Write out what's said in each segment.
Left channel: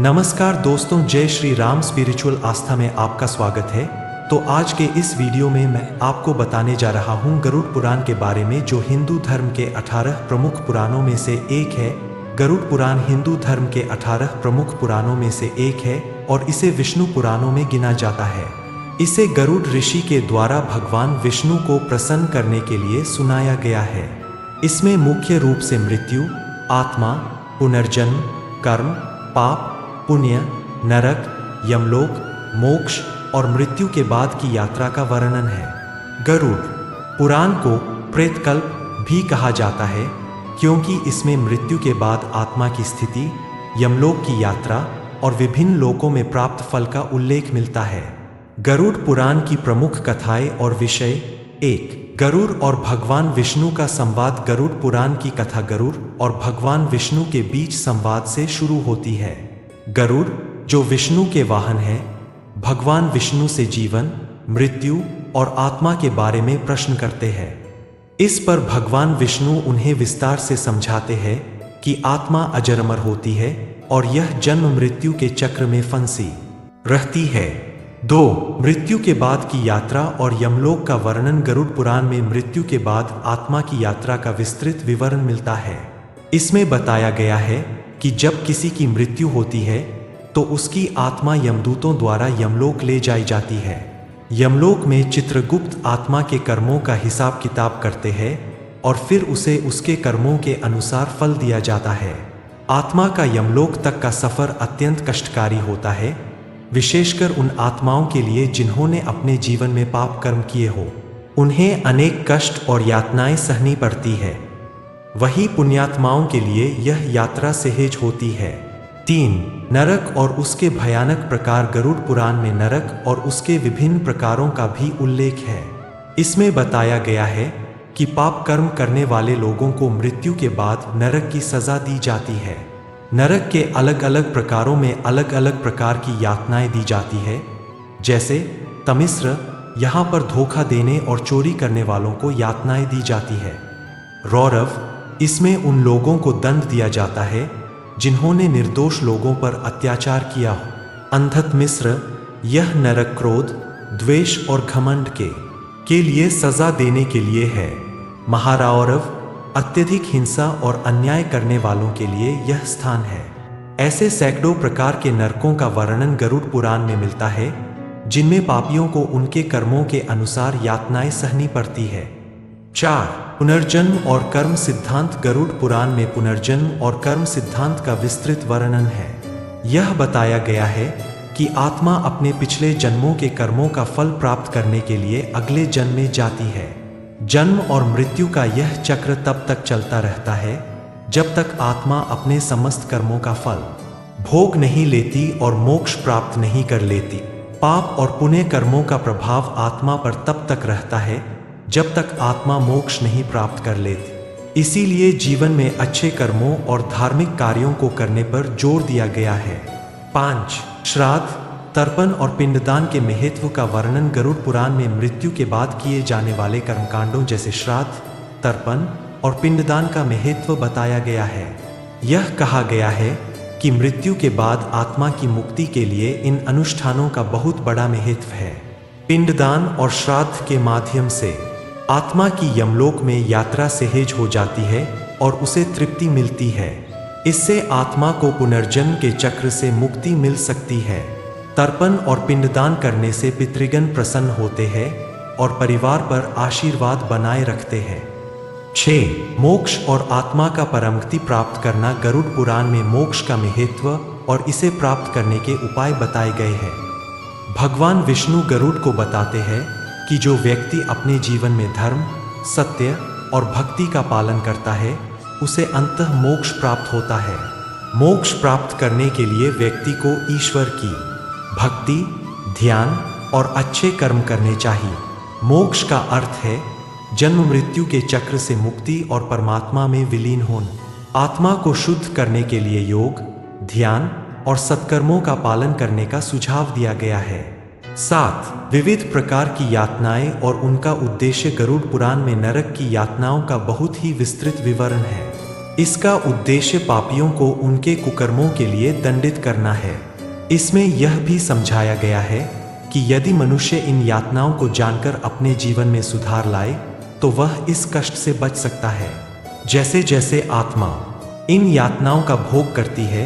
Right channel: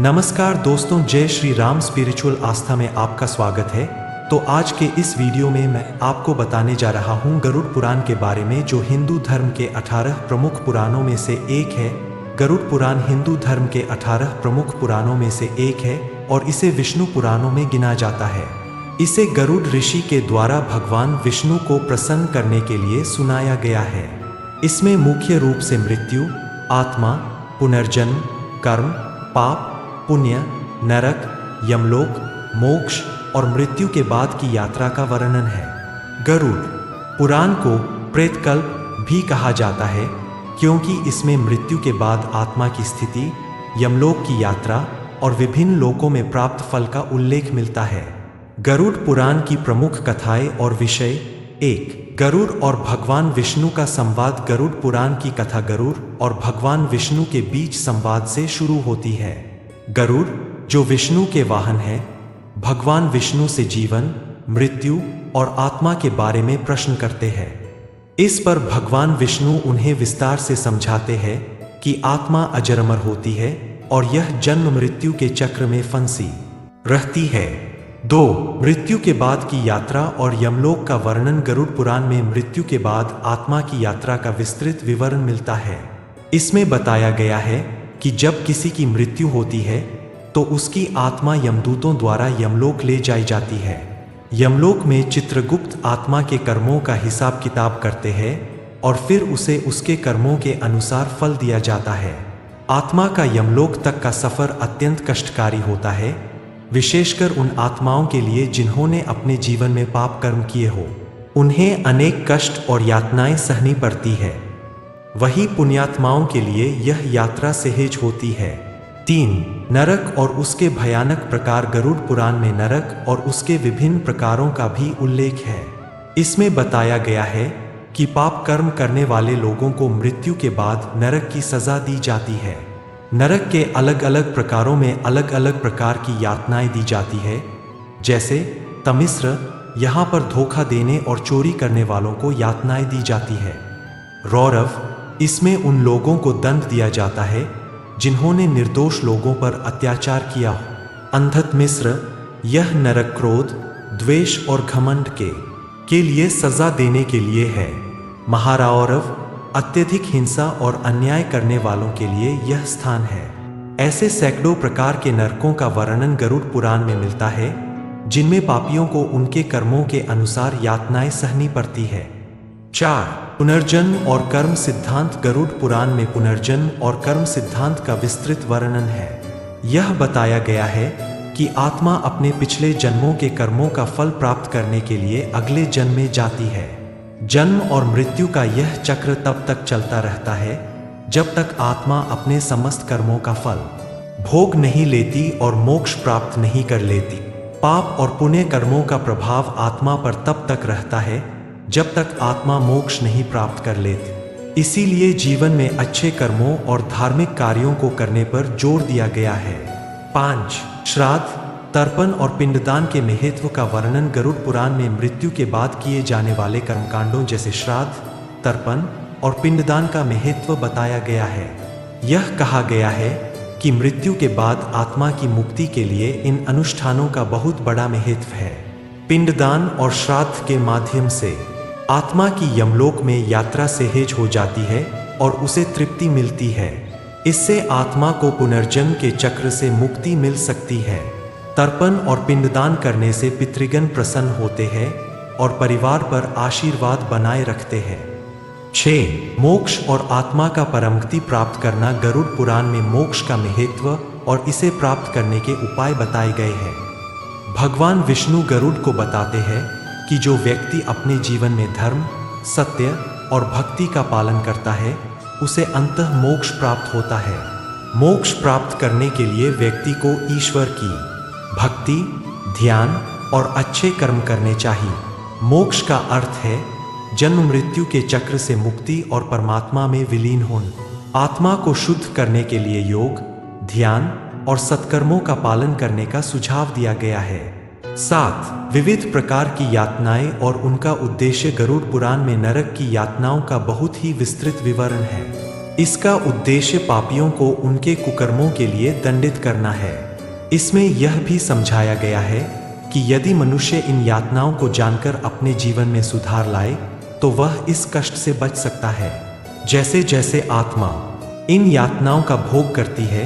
नमस्कार दोस्तों, जय श्री राम स्पिरिचुअल आस्था में आपका स्वागत है। तो आज के इस वीडियो में मैं आपको बताने जा रहा हूँ गरुड़ पुराण के बारे में, जो हिंदू धर्म के 18 प्रमुख पुराणों में से एक है। गरुड़ पुराण हिंदू धर्म के 18 प्रमुख पुराणों में से एक है और इसे विष्णु पुराणों में गिना जाता है। इसे गरुड़ ऋषि के द्वारा भगवान विष्णु को प्रसन्न करने के लिए सुनाया गया है। इसमें मुख्य रूप से मृत्यु, आत्मा, पुनर्जन्म, कर्म, पाप, पुण्य, नरक, यमलोक, मोक्ष और मृत्यु के बाद की यात्रा का वर्णन है। गरुड़ पुराण को प्रेतकल्प भी कहा जाता है, क्योंकि इसमें मृत्यु के बाद आत्मा की स्थिति, यमलोक की यात्रा और विभिन्न लोकों में प्राप्त फल का उल्लेख मिलता है। गरुड़ पुराण की प्रमुख कथाएं और विषय। 1. गरुड़ और भगवान विष्णु का संवाद। गरुड़ पुराण की कथा गरुड़ और भगवान विष्णु के बीच संवाद से शुरू होती है। गरुड़, जो विष्णु के वाहन है, भगवान विष्णु से जीवन, मृत्यु और आत्मा के बारे में प्रश्न करते हैं। इस पर भगवान विष्णु उन्हें विस्तार से समझाते हैं कि आत्मा अजर अमर होती है और यह जन्म मृत्यु के चक्र में फंसी रहती है। 2. मृत्यु के बाद की यात्रा और यमलोक का वर्णन। गरुड़ पुराण में मृत्यु के बाद आत्मा की यात्रा का विस्तृत विवरण मिलता है। इसमें बताया गया है कि जब किसी की मृत्यु होती है तो उसकी आत्मा यमदूतों द्वारा यमलोक ले जाई जाती है। यमलोक में चित्रगुप्त आत्मा के कर्मों का हिसाब किताब करते हैं और फिर उसे उसके कर्मों के अनुसार फल दिया जाता है। आत्मा का यमलोक तक का सफर अत्यंत कष्टकारी होता है, विशेषकर उन आत्माओं के लिए जिन्होंने अपने जीवन में पाप कर्म किए हो। उन्हें अनेक कष्ट और यातनाएं सहनी पड़ती है। वही पुण्यात्माओं के लिए यह यात्रा सहज होती है। 3. नरक और उसके भयानक प्रकार। गरुड़ पुराण में नरक और उसके विभिन्न प्रकारों का भी उल्लेख है। इसमें बताया गया है कि पाप कर्म करने वाले लोगों को मृत्यु के बाद नरक की सजा दी जाती है। नरक के अलग अलग प्रकारों में अलग अलग प्रकार की यातनाएं दी जाती है। जैसे तमिश्र, यहाँ पर धोखा देने और चोरी करने वालों को यातनाएं दी जाती है। रौरव, इसमें उन लोगों को दंड दिया जाता है जिन्होंने निर्दोष लोगों पर अत्याचार किया। अंधत मिश्र, यह नरक क्रोध, द्वेष और घमंड के लिए सजा देने के लिए है। महारौरव, अत्यधिक हिंसा और अन्याय करने वालों के लिए यह स्थान है। ऐसे सैकड़ों प्रकार के नरकों का वर्णन गरुड़ पुराण में मिलता है, जिनमें पापियों को उनके कर्मों के अनुसार यातनाएं सहनी पड़ती है। 4. पुनर्जन्म और कर्म सिद्धांत। गरुड़ पुराण में पुनर्जन्म और कर्म सिद्धांत का विस्तृत वर्णन है। यह बताया गया है कि आत्मा अपने पिछले जन्मों के कर्मों का फल प्राप्त करने के लिए अगले जन्म में जाती है। जन्म और मृत्यु का यह चक्र तब तक चलता रहता है जब तक आत्मा अपने समस्त कर्मों का फल भोग नहीं लेती और मोक्ष प्राप्त नहीं कर लेती। पाप और पुण्य कर्मों का प्रभाव आत्मा पर तब तक रहता है जब तक आत्मा मोक्ष नहीं प्राप्त कर लेती। इसीलिए जीवन में अच्छे कर्मों और धार्मिक कार्यों को करने पर जोर दिया गया है। 5. श्राद्ध, तर्पण और पिंडदान के महत्व का वर्णन। गरुड़ पुराण में मृत्यु के बाद किए जाने वाले कर्मकांडों जैसे श्राद्ध, तर्पण और पिंडदान का महत्व बताया गया है। यह कहा गया है कि मृत्यु के बाद आत्मा की मुक्ति के लिए इन अनुष्ठानों का बहुत बड़ा महत्व है। पिंडदान और श्राद्ध के माध्यम से आत्मा की यमलोक में यात्रा सहज हो जाती है और उसे तृप्ति मिलती है। इससे आत्मा को पुनर्जन्म के चक्र से मुक्ति मिल सकती है। तर्पण और पिंडदान करने से पितृगण प्रसन्न होते हैं और परिवार पर आशीर्वाद बनाए रखते हैं। 6. मोक्ष और आत्मा का परमगति प्राप्त करना। गरुड़ पुराण में मोक्ष का महत्व और इसे प्राप्त करने के उपाय बताए गए हैं। भगवान विष्णु गरुड़ को बताते हैं कि जो व्यक्ति अपने जीवन में धर्म, सत्य और भक्ति का पालन करता है, उसे अंततः मोक्ष प्राप्त होता है। मोक्ष प्राप्त करने के लिए व्यक्ति को ईश्वर की भक्ति, ध्यान और अच्छे कर्म करने चाहिए। मोक्ष का अर्थ है जन्म मृत्यु के चक्र से मुक्ति और परमात्मा में विलीन होना। आत्मा को शुद्ध करने के लिए योग, ध्यान और सत्कर्मों का पालन करने का सुझाव दिया गया है। 7. विविध प्रकार की यातनाएं और उनका उद्देश्य। गरुड़ पुराण में नरक की यातनाओं का बहुत ही विस्तृत विवरण है। इसका उद्देश्य पापियों को उनके कुकर्मों के लिए दंडित करना है। इसमें यह भी समझाया गया है कि यदि मनुष्य इन यातनाओं को जानकर अपने जीवन में सुधार लाए तो वह इस कष्ट से बच सकता है। जैसे जैसे आत्मा इन यातनाओं का भोग करती है,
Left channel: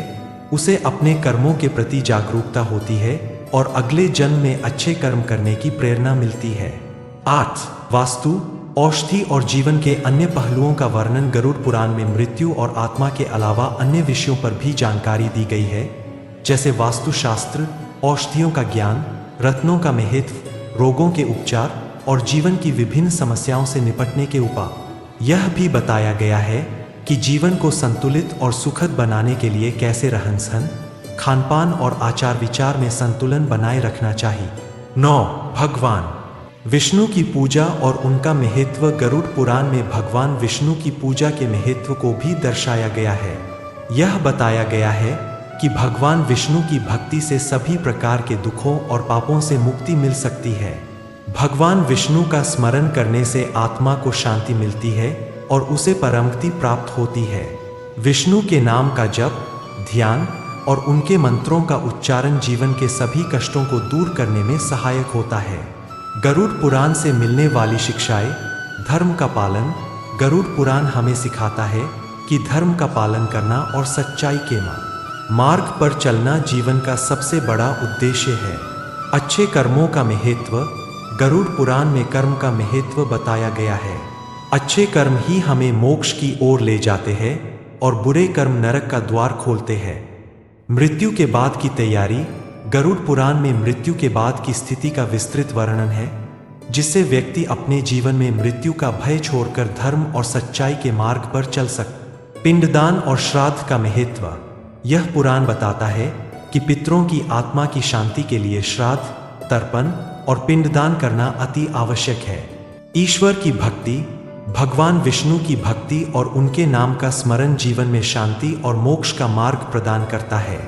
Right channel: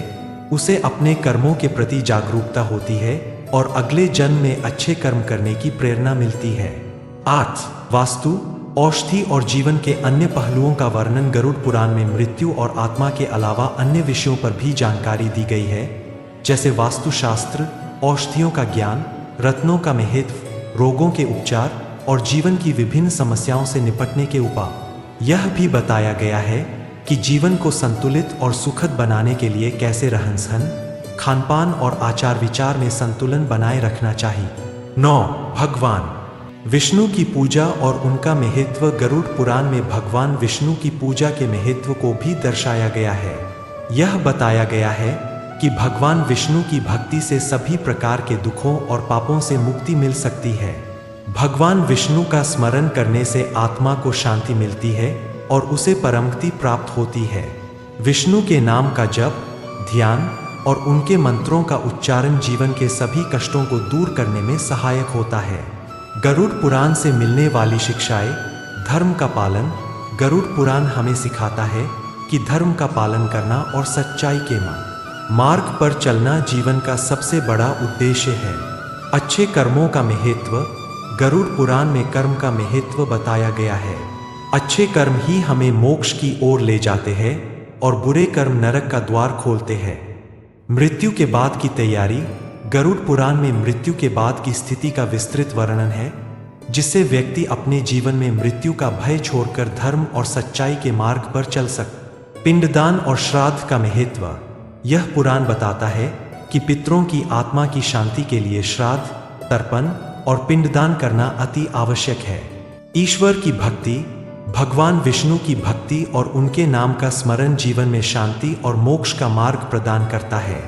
उसे अपने कर्मों के प्रति जागरूकता होती है और अगले जन्म में अच्छे कर्म करने की प्रेरणा मिलती है। 8. वास्तु, औषधि और जीवन के अन्य पहलुओं का वर्णन। गरुड़ पुराण में मृत्यु और आत्मा के अलावा अन्य विषयों पर भी जानकारी दी गई है, जैसे वास्तुशास्त्र, औषधियों का ज्ञान, रत्नों का महत्व, रोगों के उपचार और जीवन की विभिन्न समस्याओं से निपटने के उपाय। यह भी बताया गया है कि जीवन को संतुलित और सुखद बनाने के लिए कैसे रहन सहन, खानपान और आचार विचार में संतुलन बनाए रखना चाहिए। 9. भगवान विष्णु की पूजा और उनका महत्व। गरुड़ पुराण में भगवान विष्णु की पूजा के महत्व को भी दर्शाया गया है। यह बताया गया है कि भगवान विष्णु की भक्ति से सभी प्रकार के दुखों और पापों से मुक्ति मिल सकती है। भगवान विष्णु का स्मरण करने से आत्मा को शांति मिलती है और उसे परमगति प्राप्त होती है। विष्णु के नाम का जप, ध्यान और उनके मंत्रों का उच्चारण जीवन के सभी कष्टों को दूर करने में सहायक होता है। गरुड़ पुराण से मिलने वाली शिक्षाएं। धर्म का पालन। गरुड़ पुराण हमें सिखाता है कि धर्म का पालन करना और सच्चाई के मार्ग पर चलना जीवन का सबसे बड़ा उद्देश्य है। अच्छे कर्मों का महत्व। गरुड़ पुराण में कर्म का महत्व बताया गया है। अच्छे कर्म ही हमें मोक्ष की ओर ले जाते हैं और बुरे कर्म नरक का द्वार खोलते हैं। मृत्यु के बाद की तैयारी। गरुड़ पुराण में मृत्यु के बाद की स्थिति का विस्तृत वर्णन है, जिससे व्यक्ति अपने जीवन में मृत्यु का भय छोड़कर धर्म और सच्चाई के मार्ग पर चल सके। पिंडदान और श्राद्ध का महत्व। यह पुराण बताता है कि पितरों की आत्मा की शांति के लिए श्राद्ध, तर्पण और पिंडदान करना अति आवश्यक है। ईश्वर की भक्ति। भगवान विष्णु की भक्ति और उनके नाम का स्मरण जीवन में शांति और मोक्ष का मार्ग प्रदान करता है।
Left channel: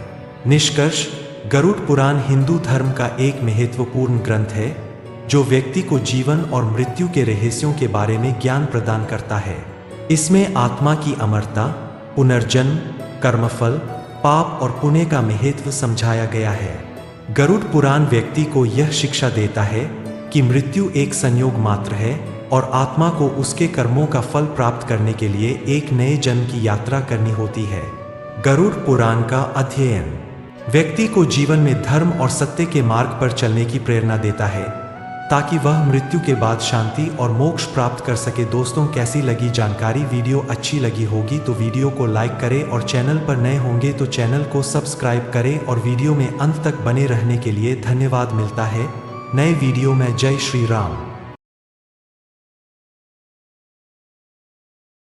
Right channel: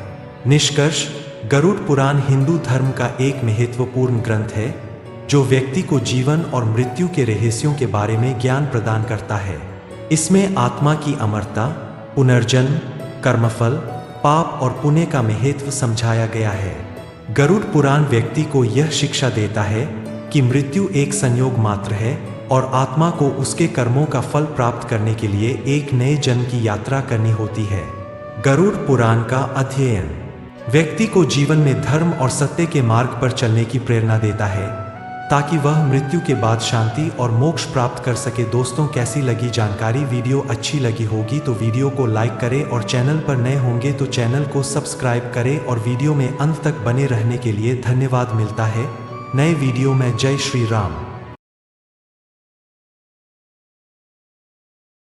निष्कर्ष, गरुड़ पुराण हिंदू धर्म का एक महत्वपूर्ण ग्रंथ है, जो व्यक्ति को जीवन और मृत्यु के रहस्यों के बारे में ज्ञान प्रदान करता है। इसमें आत्मा की अमरता, पुनर्जन्म, कर्मफल, पाप और पुण्य का महत्व समझाया गया है। गरुड़ पुराण व्यक्ति को यह शिक्षा देता है कि मृत्यु एक संयोग मात्र है और आत्मा को उसके कर्मों का फल प्राप्त करने के लिए एक नए जन्म की यात्रा करनी होती है। गरुड़ पुराण का अध्ययन व्यक्ति को जीवन में धर्म और सत्य के मार्ग पर चलने की प्रेरणा देता है, ताकि वह मृत्यु के बाद शांति और मोक्ष प्राप्त कर सके। दोस्तों, कैसी लगी जानकारी? वीडियो अच्छी लगी होगी तो वीडियो को लाइक करें और चैनल पर नए होंगे तो चैनल को सब्सक्राइब करें और वीडियो में अंत तक बने रहने के लिए धन्यवाद। मिलता है नए वीडियो में। जय श्री राम।